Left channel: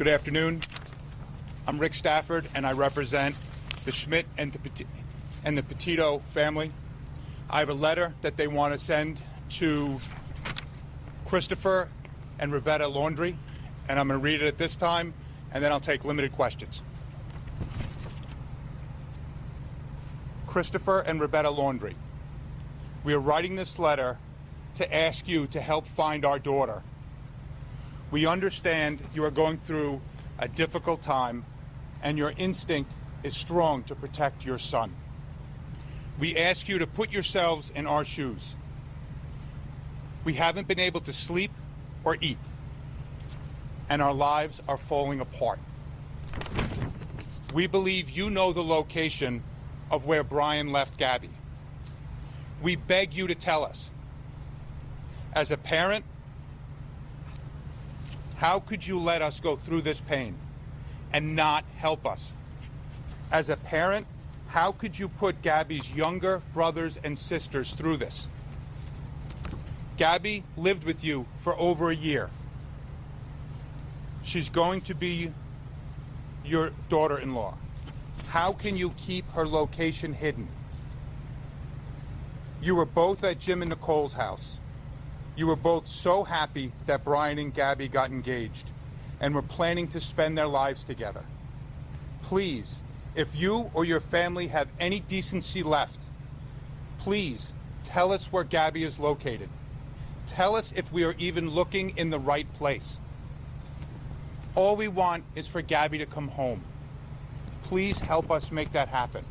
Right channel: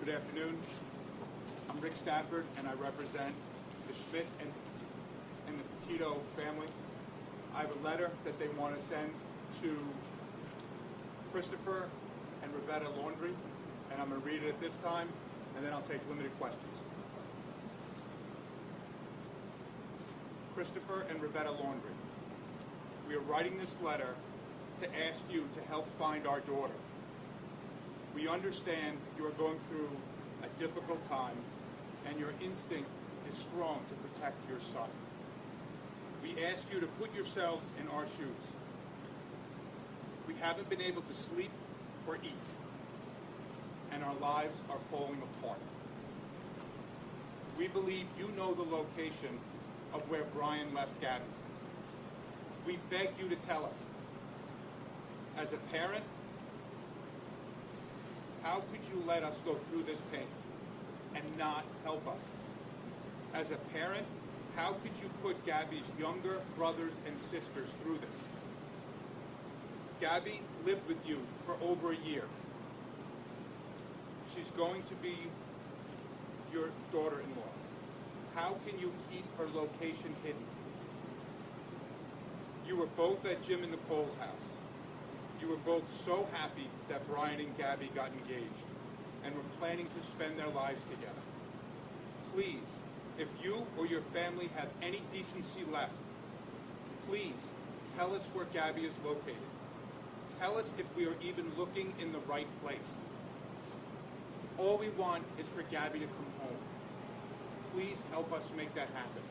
Good afternoon. I'm Rick Stafford, and I represent the Schmidt and the Petito family. I have a letter that they want to send to Christopher and Rebecca Laundrie, and I'm going to read it at this time, and then I'll take limited questions. Christopher and Rebecca Laundrie, we are writing this letter to ask you to help find our daughter. We understand you are going through a difficult time, and your instinct is strong to protect your son. We ask you to put yourselves in our shoes. We haven't been able to sleep or eat, and our lives are falling apart. We believe you know the location of where Brian left Gabby. We beg you to tell us. As a parent, how could you let us go through this pain and not help us? As a parent, how could you put Gabby's younger brothers and sisters through this? Gabby lived with you for over a year. She's going to be your daughter-in-law. How can you keep her location hidden? You were both at Jim and Nicole's house. You were both so happy that Brian and Gabby got engaged and were planning to spend their lives together. Please, if you or your family have any decency left, please tell us where Gabby is located. Tell us if we are even looking in the right place. All we want is for Gabby to come home. Please help us make that happen.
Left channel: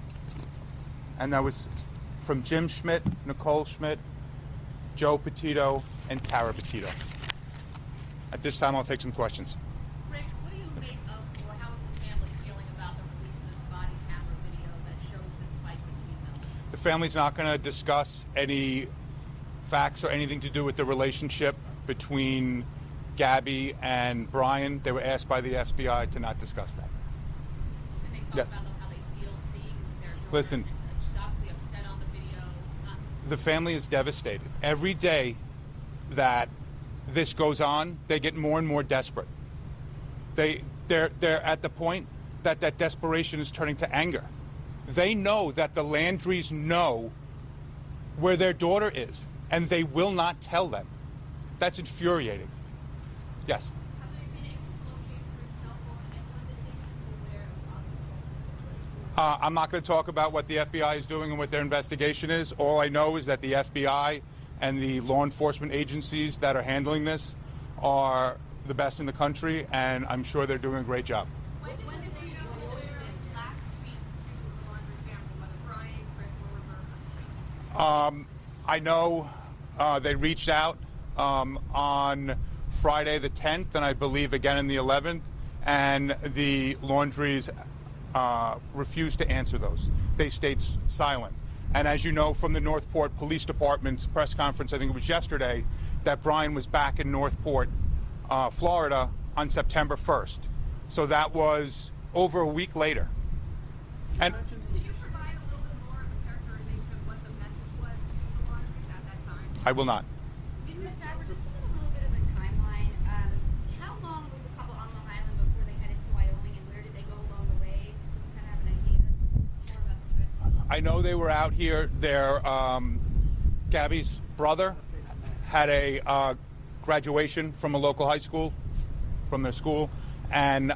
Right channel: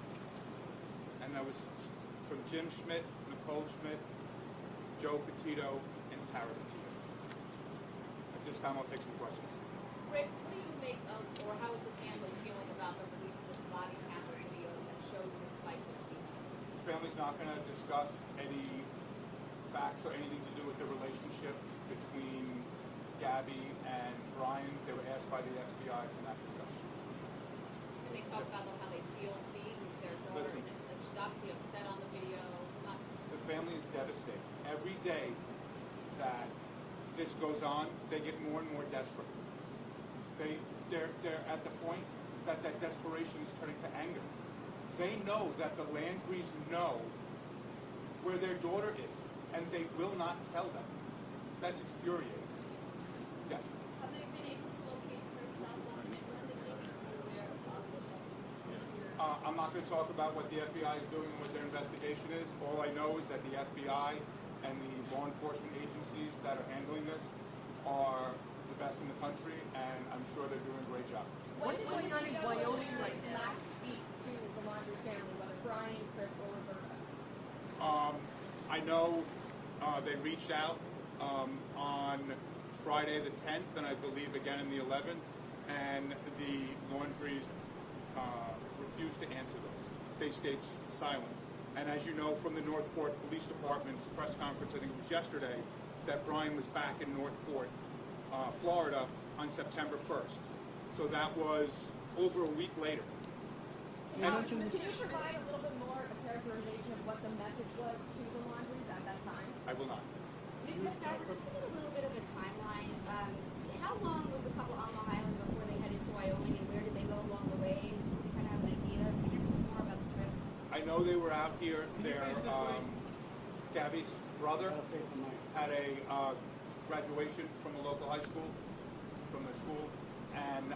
And that was from Jim Schmidt, Nicole Schmidt, Joe Petito, and Tara Petito. At this time, I'll take some questions. Rick, what do you make of, or how is the family feeling about the release of this body camera video that shows this fight between them? The family's not going to discuss any facts or anything to do with the relationship between Gabby and Brian. They were asked by the FBI to not discuss that. Can they talk Yeah. about how they feel seeing their daughter? Listen. She's obviously upset on the video. The family is devastated. Every day that this goes on, they get more and more desperate. They're at the point that that desperation is turning to anger. They know that the Laundries know where their daughter is, and they will not tell them. That's infuriating. Yes? Have they been able to locate her cell phone and when did they become aware of I'm not going to talk about what the FBI is doing and what their investigation is. All I know is that the FBI and the law enforcement agencies that are handling this are the best in the country, and I'm sure they're doing a great job. When did Wyoming last speak to the Laundrie family, whether Brian, Chris, or Roberta? I know they reached out on Friday the 10th, and I believe again on the 11th, and the Laundries refused to answer those. They stayed silent. And as you know from the Northport Police Department's press conference, I think it was yesterday, that Brian was back in Northport, Florida on September 1st. So that was over a week later. And Can you provide a little bit more of a characterization of what the message was to the Laundries at that time? I will not. Ms. Stafford, just give me a little bit of a timeline. How long was the couple on Long Island before they headed to Wyoming, and where did they go along the way? Just so we kind of have an idea. Can you tell us more about the trip? I know they were out here. Gabby's brother had a graduation from a local high school, from their school, and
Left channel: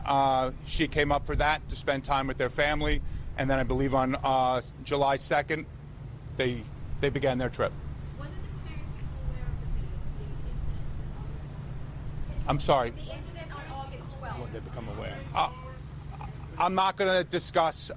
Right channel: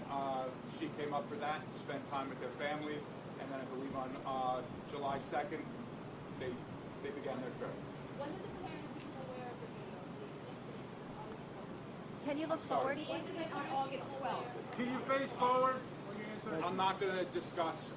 she came up for that to spend time with their family. And then I believe on July 2nd, they began their trip. When did the parents become aware of the video? Can you I'm sorry. The incident on August 12th. I'm not going to discuss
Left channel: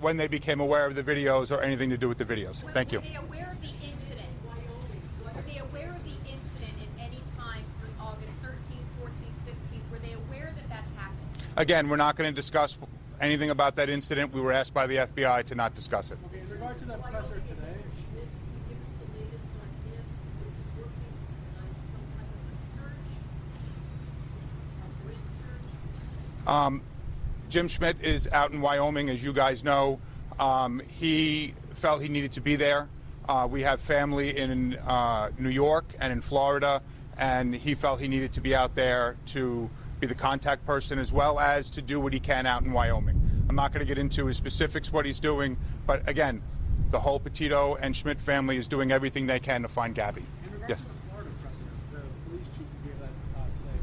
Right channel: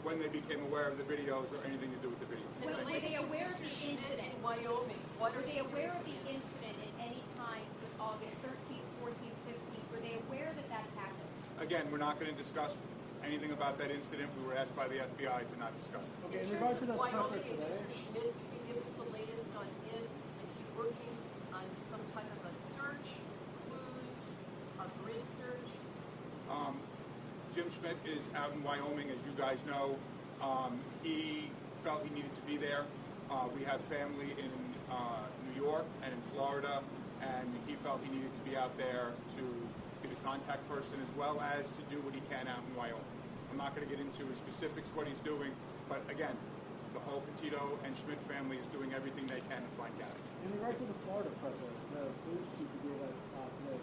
when they became aware of the videos or anything to do with the videos. Thank you. Were they aware of the incident? Wyoming. Were they aware of the incident at any time for August 13th, 14th, 15th? Were they aware that that happened? Again, we're not going to discuss anything about that incident. We were asked by the FBI to not discuss it. In terms of Wyoming and Mr. Schmidt, can you give us the latest on him? Is he working on some type of a search, clues, or grid search? Jim Schmidt is out in Wyoming, as you guys know. He felt he needed to be there. We have family in New York and in Florida, and he felt he needed to be out there to be the contact person, as well as to do what he can out in Wyoming. I'm not going to get into his specifics, what he's doing, but again, the whole Petito and Schmidt family is doing everything they can to find Gabby. Yes. The Florida president, the police chief who gave that today,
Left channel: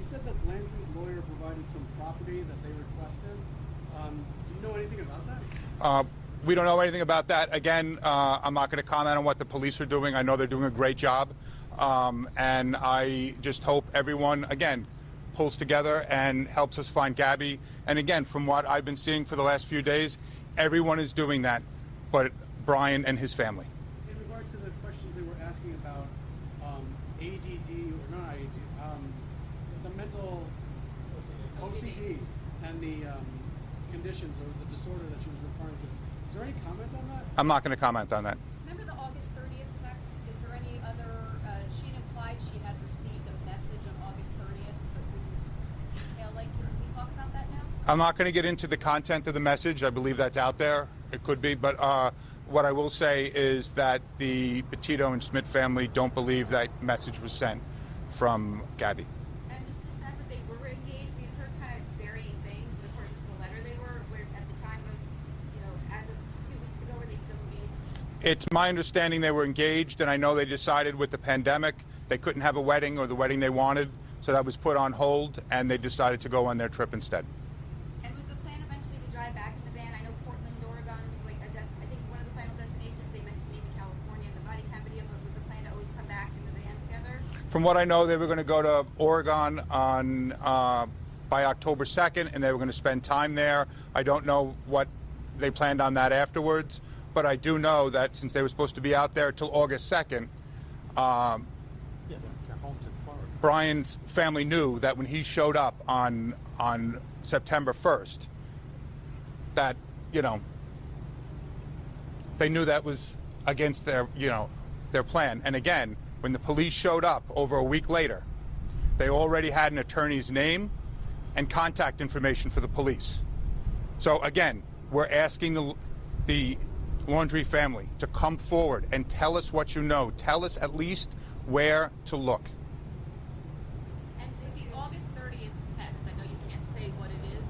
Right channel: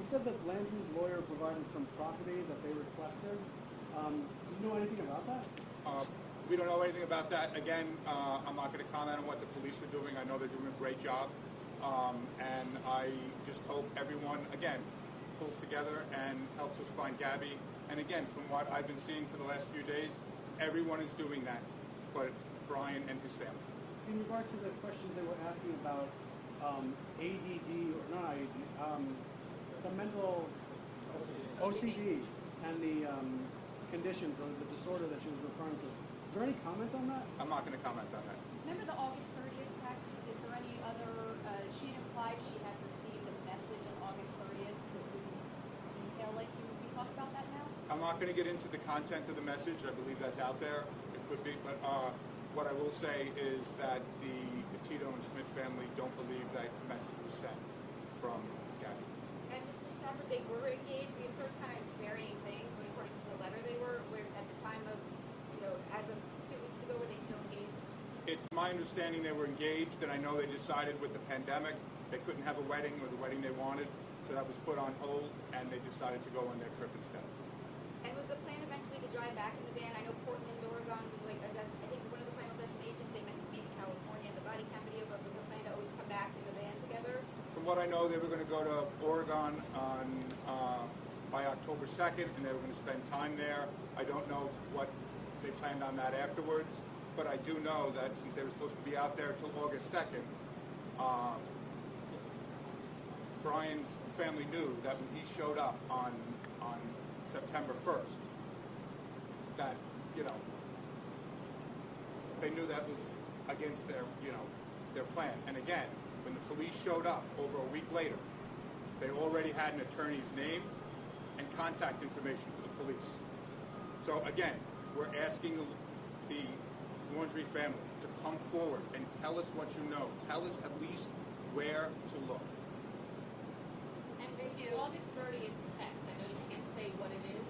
he said that Landry's lawyer provided some property that they requested. Do you know anything about that? We don't know anything about that. Again, I'm not going to comment on what the police are doing. I know they're doing a great job. And I just hope everyone, again, pulls together and helps us find Gabby. And again, from what I've been seeing for the last few days, everyone is doing that, but Brian and his family. In regard to the question they were asking about ADD or not ADD, the mental OCD and the conditions or the disorder that she was referring to. Is there any comment on that? I'm not going to comment on that. Remember the August 30th text? Is there any other, she implied she had received a message on August 30th. Detail, like, can we talk about that now? I'm not going to get into the content of the message. I believe that's out there. It could be. But what I will say is that the Petito and Schmidt family don't believe that message was sent from Gabby. And Mr. Stafford, they were engaged. We had heard kind of varying things, but according to the letter, they were at the time of, as of 2 weeks ago, were they still engaged? It's my understanding they were engaged, and I know they decided with the pandemic they couldn't have a wedding or the wedding they wanted, so that was put on hold, and they decided to go on their trip instead. And was the plan eventually to drive back in the van? I know Portland, Oregon was like I think one of the final destinations. They mentioned maybe California and the body cam video, but was the plan to always come back in the van together? From what I know, they were going to go to Oregon on by October 2nd, and they were going to spend time there. I don't know what they planned on that afterwards, but I do know that since they were supposed to be out there till August 2nd, Brian's family knew that when he showed up on September 1st, that, they knew that was against their plan. And again, when the police showed up over a week later, they already had an attorney's name and contact information for the police. So again, we're asking the Laundrie family to come forward and tell us what you know. Tell us at least where to look. And the August 30th text, I know you can't say what it is,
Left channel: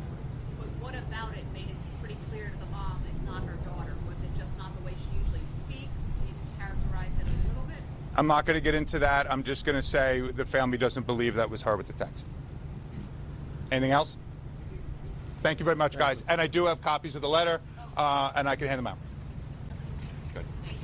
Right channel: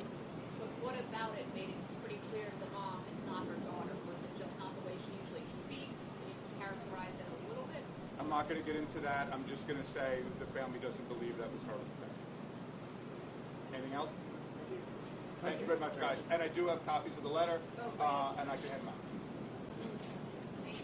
but what about it made it pretty clear to the mom it's not her daughter? Was it just not the way she usually speaks? Can you just characterize it a little bit? I'm not going to get into that. I'm just going to say the family doesn't believe that was her with the text. Anything else? Thank you very much, guys. And I do have copies of the letter, and I can hand them out.